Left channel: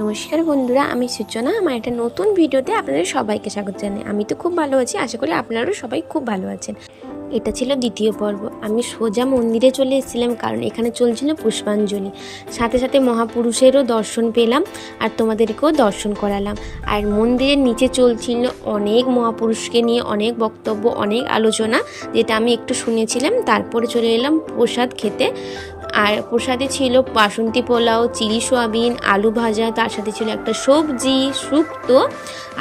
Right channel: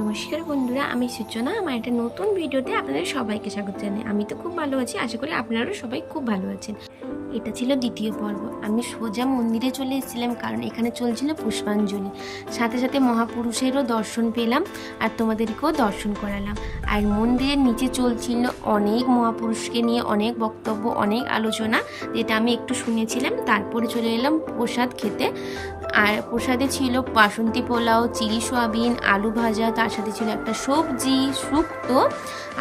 নমস্কার বন্ধুরা, আমি সূচনা। আমার একটা নতুন ভিডিওতে আপনাদের সবাইকে স্বাগত জানাই। আমি তো খুব ভালো আছি, আশা করি আপনারাও সবাই খুব ভালো আছেন। এটা ছিল দ্বিতীয় পর্ব। আমি সোজা মন্দিরে চলে এসেছিলাম, কারণ এখানে চলছিল পুষ্পাঞ্জলি। সাথে সাথে মহাপুরুষেরও দর্শন পেলাম আর তোমাদেরকেও দর্শন করালাম। আর মন্দিরের নিচে চলছিল অনেক মহাপুরুষকে নিয়ে অনেক বক্তব্য, অনেক আলোচনা, যেটা আমি একটু শুনেছিলাম। তারপরে চলে এলাম প্রসাদ খেতে। আর প্রসাদে ছিল বাসন্তী পোলাও, চিলি সোয়াবিন, আলু ভাজা, তার সাথে ছিল একটা সবজি, শুক্তো,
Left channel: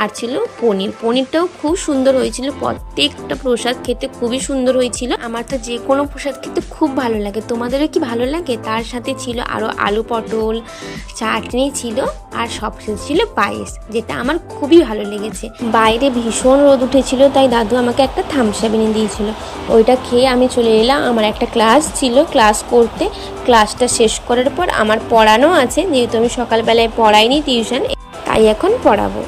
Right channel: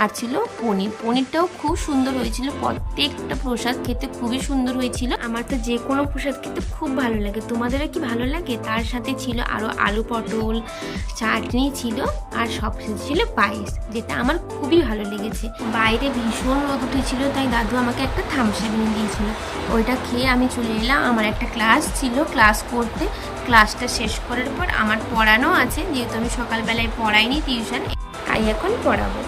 আর ছিল পনির। পনিরটাও খুব সুন্দর হয়েছিল। প্রত্যেকটা প্রসাদ খেতে খুবই সুন্দর হয়েছিল। আমার তো যে কোনো প্রসাদ খেতে খুব ভালো লাগে। তোমাদেরও কি ভালো লাগে? তার সাথে ছিল আরও আলু পটল, চাটনি ছিল, আর সবশেষে ছিল পায়েস, যেটা আমার খুবই ভালো লেগেছে। বাইরে ভীষণ রোদ উঠেছিল, তাই দাদু আমাকে একটা থামস আপ এনে দিয়েছিল। ওইটা খেয়ে আমি চলে এলাম। আমার একটা ক্লাস ছিল, ক্লাস করতে। ক্লাসটা শেষ করার পর আমার পড়ানো আছে, যেহেতু আমি সকালবেলায় পড়াইনি টিউশন, তাই এখন পড়াবো।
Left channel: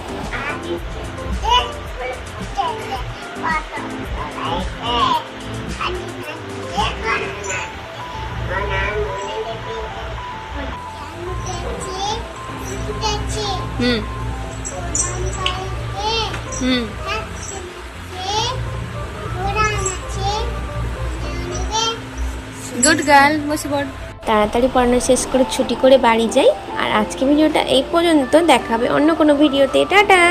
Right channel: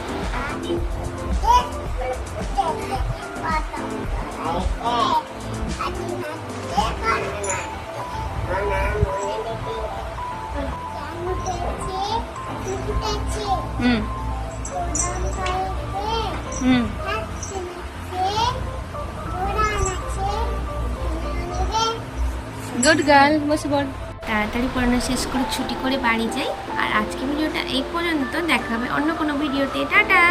হুম হুম গুড গার্ল, বসে পড়। তাড়াতাড়ি পড়ানো শেষ করে ছুটি করে বাড়ি যাই। আর আজকে ভিডিওটা এই পর্যন্ত, দেখা হবে অন্য কোনো ভিডিওতে। টাটা।